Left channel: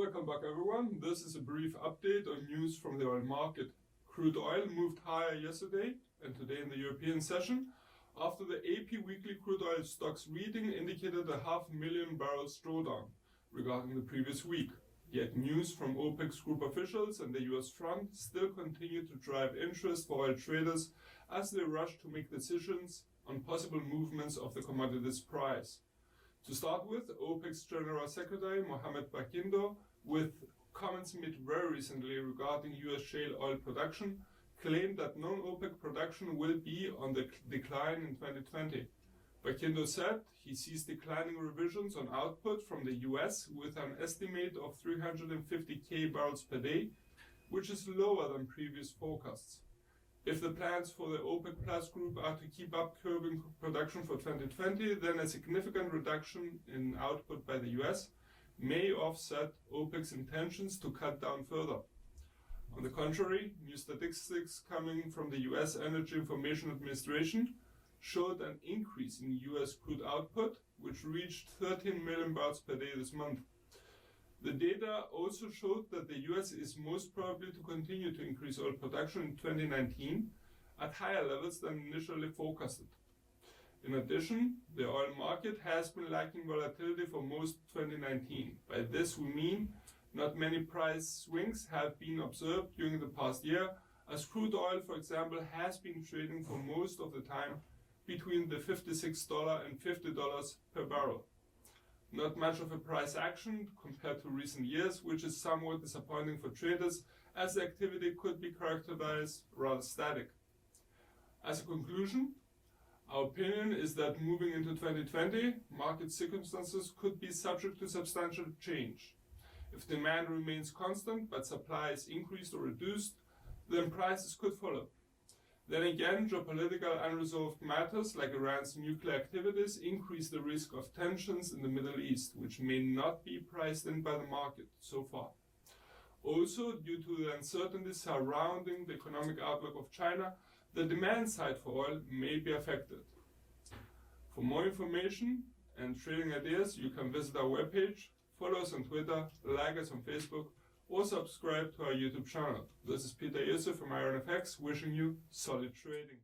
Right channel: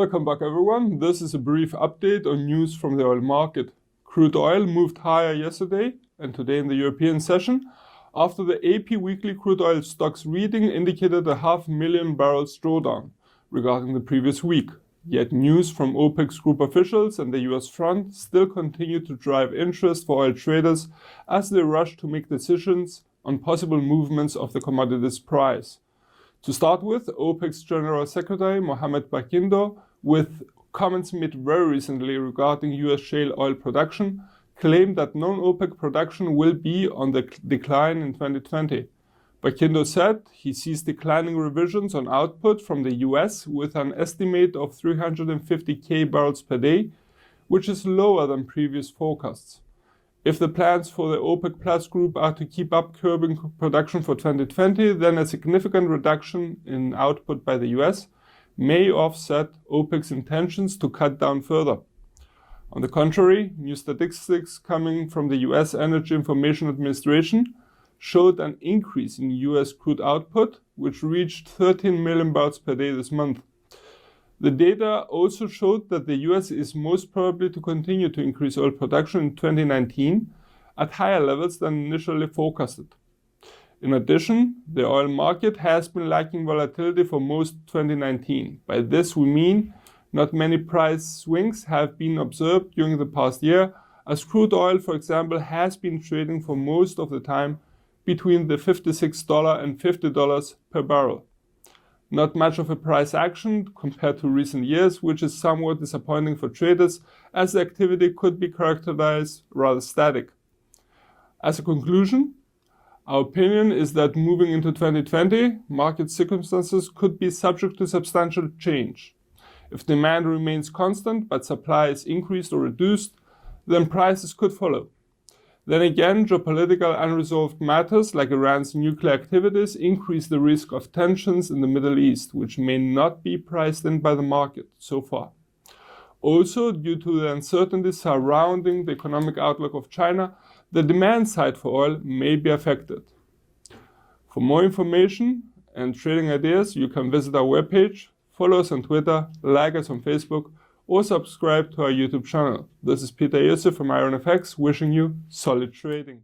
Welcome back everyone. This is a brief update on news from the oil market. Crude oil moved higher yesterday and today in the European session after the AP weekly crude oil stocks reading indicated a 500,000 barrels drawdown regarding the previous week. Yet news from OPEC's group officials and the US front still continue to drive interest for oil traders as they rush to make decisions on possible movements of the commodity's price. To start with, OPEC's General Secretary Mohammed Barkindo, with comments made very recently regarding US shale oil production, claimed that non-OPEC production will be on the decline in 2020. Barkindo said he sees declining revisions on output from the US with an estimate of 350,000 barrels per day, which is lower than previous forecasts. If the plans for the OPEC Plus group are to keep up curbing production for 2020, then a significant reduction in output by the US may offset OPEC's intentions to cut down further. On the contrary, new statistics coming from the US Energy Information Administration showed an increase in US crude output, which reached 13 million barrels per day this month. The data also showed that the US is most probably to continue to increase oil production in 2019 at higher levels than initially forecasted. In addition, the oil market has been lacking volatility for most 2019. By this we mean not many price swings have been observed during the past year, as crude oil, for example, has been trading for most of the time between the $56 and $50 per barrel. Not much of a price action compared to recent years, which is somewhat disappointing for traders as the activity could be characterized rather static. As a conclusion, our opinion is that moving into 2020, market circumstances could be subject to substantial change. If demand remains constant but supply is increased or reduced, then prices could follow. Then again, geopolitical unresolved matters like Iran's nuclear activities increase the risk of tensions in the Middle East, which may not be priced in by the market so far. Also, due to the uncertainty surrounding the economic outlook of China, the demand side for oil may be affected. For more information and trading ideas, you can visit our webpage, follow us on Twitter, like us on Facebook, or subscribe to our YouTube channel. This is Peter Yusuf from IronFX, wishing you solid trading.